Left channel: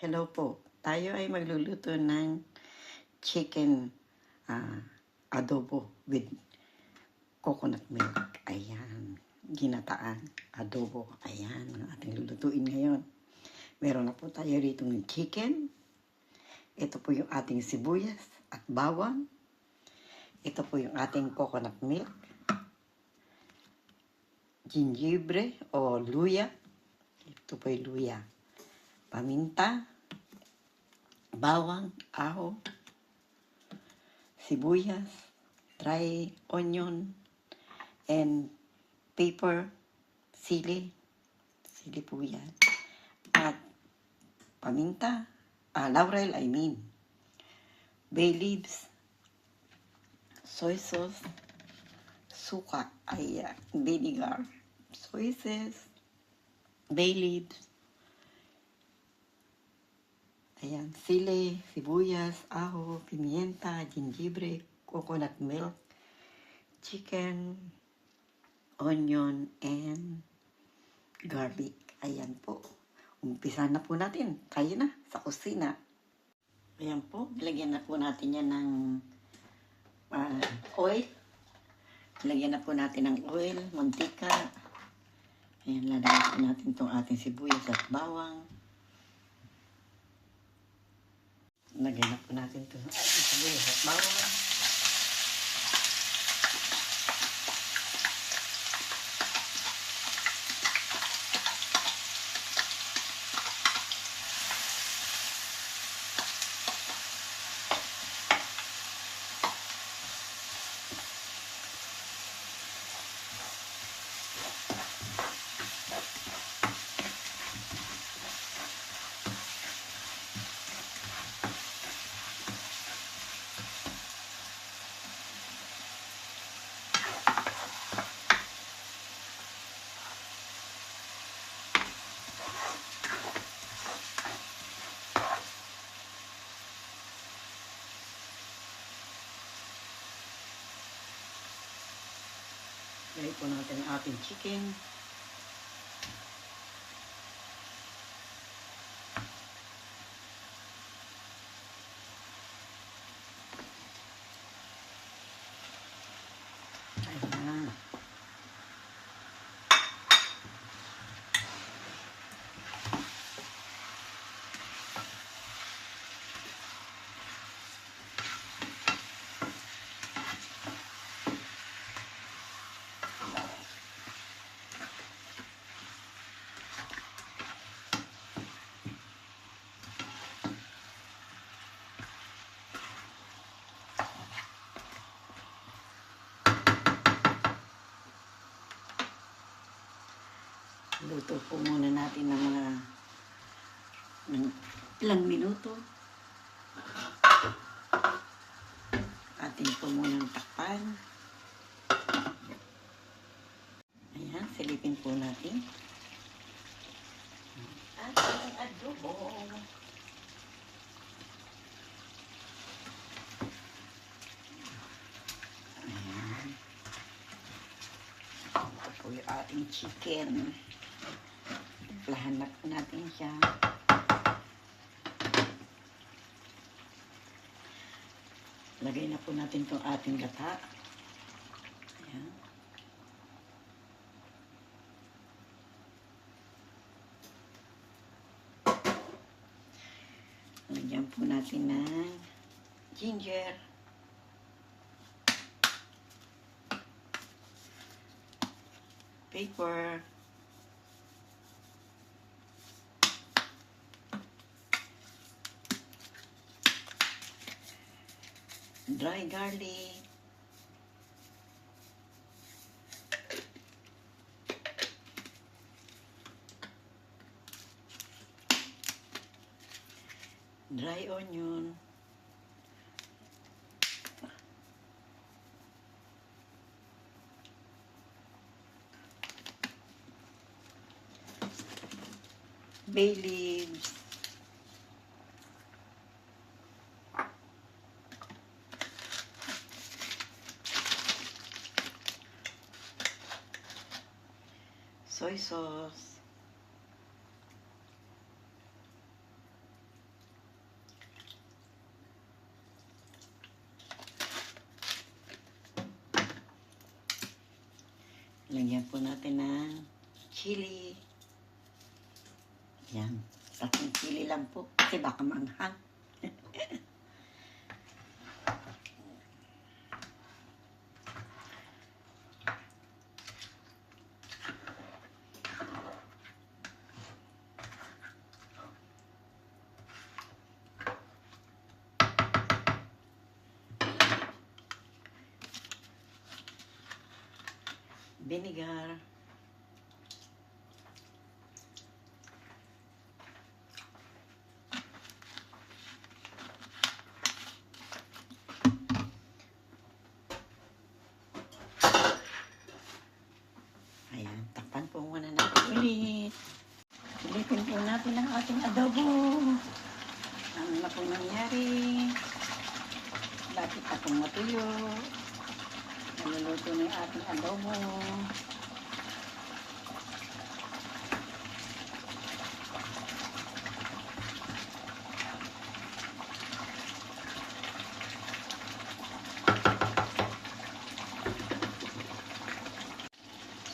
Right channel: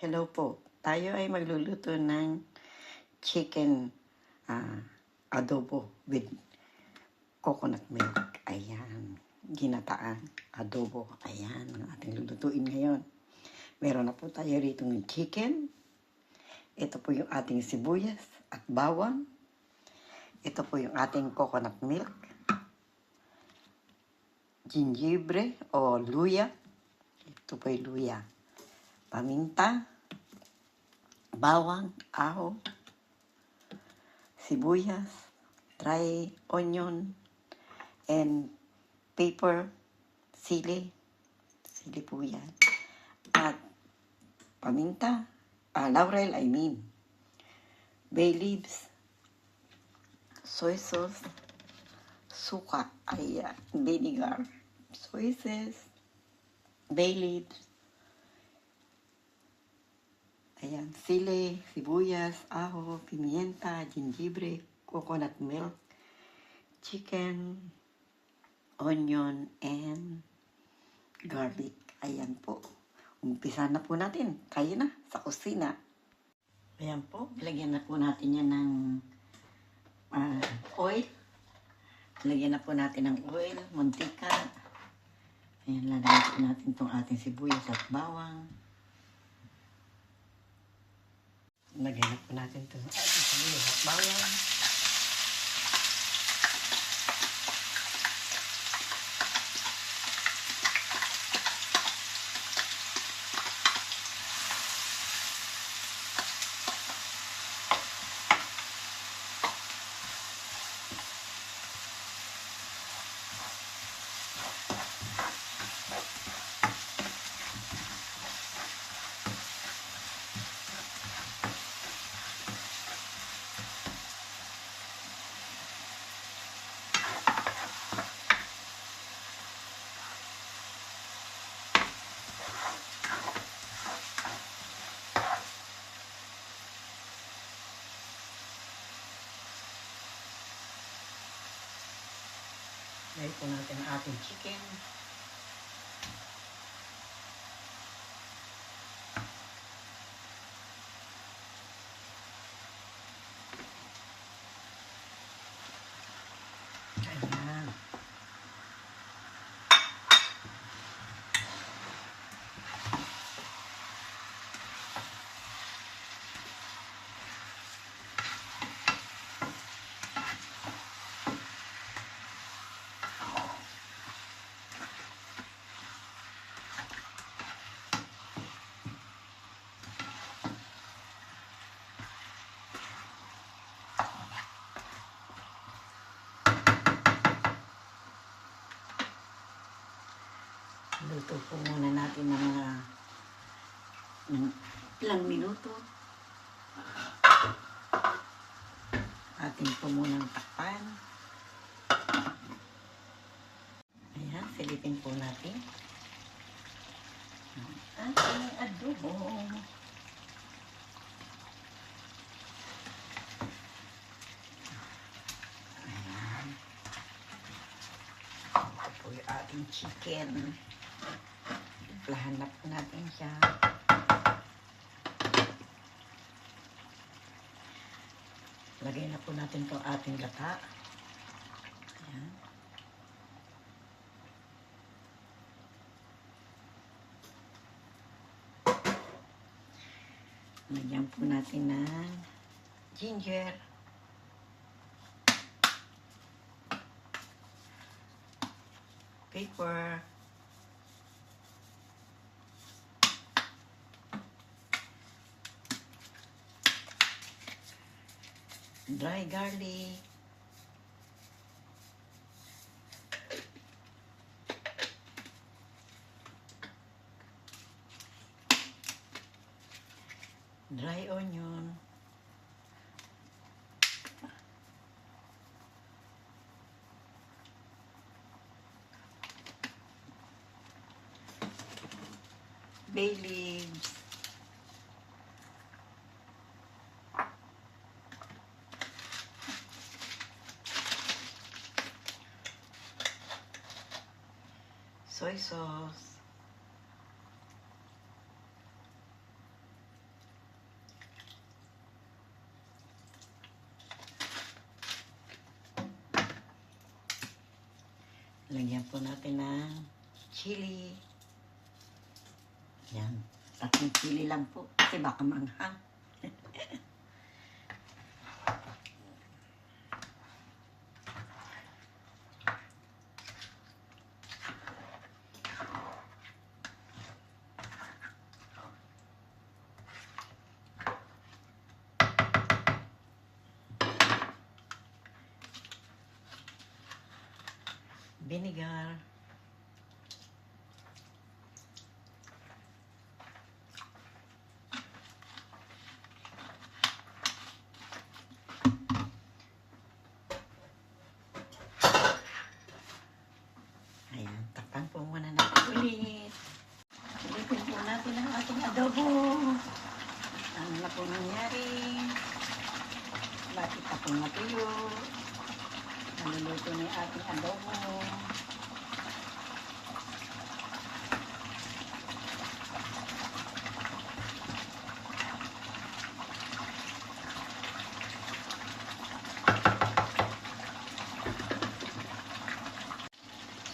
Hello po. Tayo ay magluluto ng chicken adobo with coconut milk. Ayan. Ginataan adobo. Ayan ang ating lulutuin ngayon. Meron na po tayo rito ng chicken. Ito po yung ating sibuyas at bawang. Ito po yung ating coconut milk. Gingebre o luya. Ito po yung luya. Paminta, bawang, aho, sibuyas, dry onion, and pepper, sili po yan. At paminta, laurel bay leaves, soy sauce, suka, vinegar, soy sauce, bay leaves, ayan, sili, sibuyas, aho, pimienta, gingebre, coconut milk, chicken, onion, and garlic. Ayan po. Umpisa na po natin. Tayo na sa kusina. Ayan po. Lagyan na po natin yan ng oil. Lagyan na po natin ng oil, mantika. Ayan, lalagyan po natin itong ating sibuyas at bawang. Lagyan na po natin ito ng sibuyas at bawang. Lagyan po natin ang ating chicken. Ayan. Luto po muna natin ng ilang minuto. Atin po muna ng takpan. Ayan, silipin po natin. Ating adobo. Ayan. Ito po yung ating chicken. Lahan na po natin siya. Lagay na po natin itong ating gata. Ayan. Lagyan po natin ng ginger. Pepper. Dry garlic. Dry onion. Bay leaves. Soy sauce. Lagyan po natin ng chili. Yan. Tatlong chili lang po. Kasi baka manghang. Vinegar. Ayan, takpan po muna natin ulit. Ulitin po natin ang ating adobo. Ano na po nangyari? Bakit akong matuyo? Naluluto na yung ating adobo.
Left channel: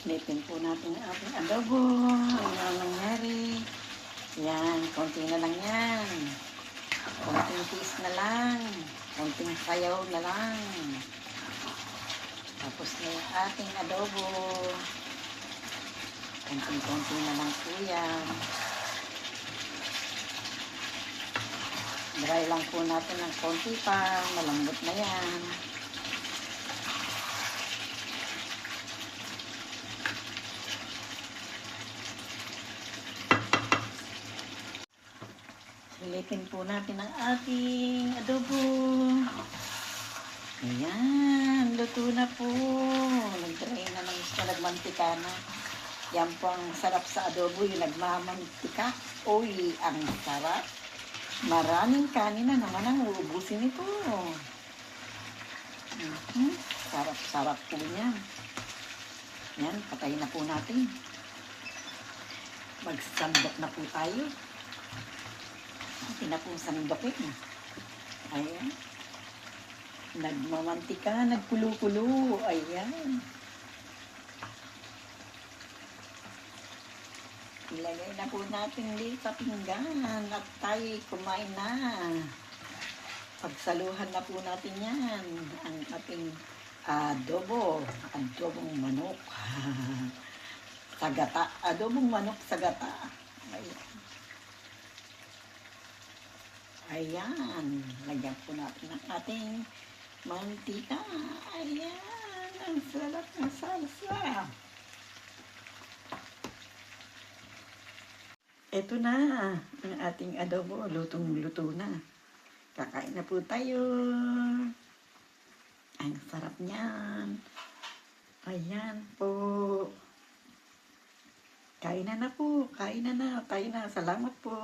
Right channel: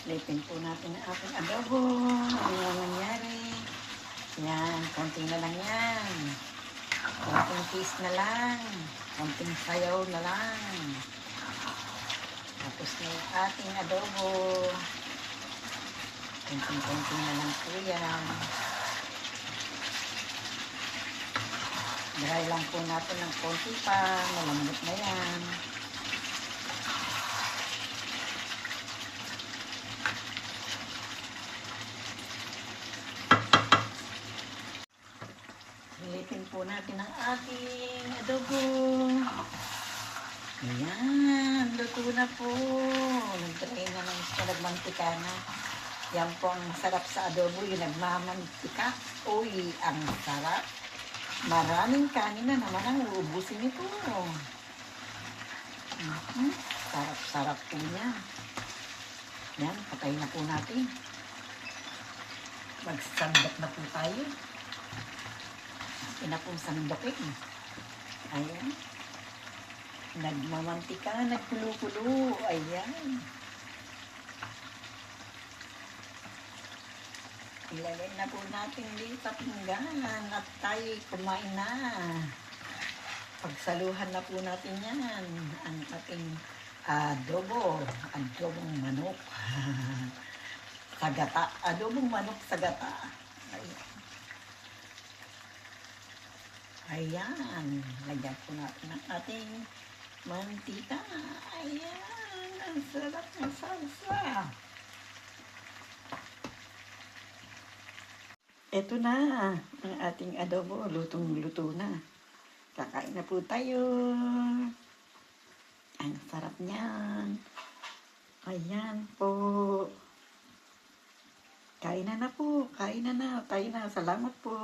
Silipin po natin ang ating adobo. Ano na nangyari? Yan, konti na lang yan. Konting taste na lang. Konting sayaw na lang. Tapos na yung ating adobo. Konting-konti na lang po yan. Dry lang po natin ng konti pa. Malambot na yan. Silipin po natin ang ating adobo. Ayan, luto na po. Nag-dry na ng nagmantika na. Yan po ang sarap sa adobo, yung nagmamantika. Uy, ang sarap. Maraming kanin na naman ang uubusin ito. Sarap-sarap po niya. Yan, patay na po natin. Magsandok na po tayo. Hindi na pong sandokin. Ayan. Nagmamantika na, nagkulo-kulo. Ayan. Ilagay na po natin dito sa pinggan at tayo kumain na. Pagsaluhan na po natin yan. Ang ating adobo. Adobong manok. Sa gata. Adobong manok sa gata. Ayan. Ayan. Lagyan po natin ang ating mantika. Ayan. Ang sarap ng salsa. Ito na ang ating adobo. Lutong-luto na. Kakain na po tayo. Ang sarap niyan. Ayan po. Kain na po. Kain na. Tayo na. Salamat po.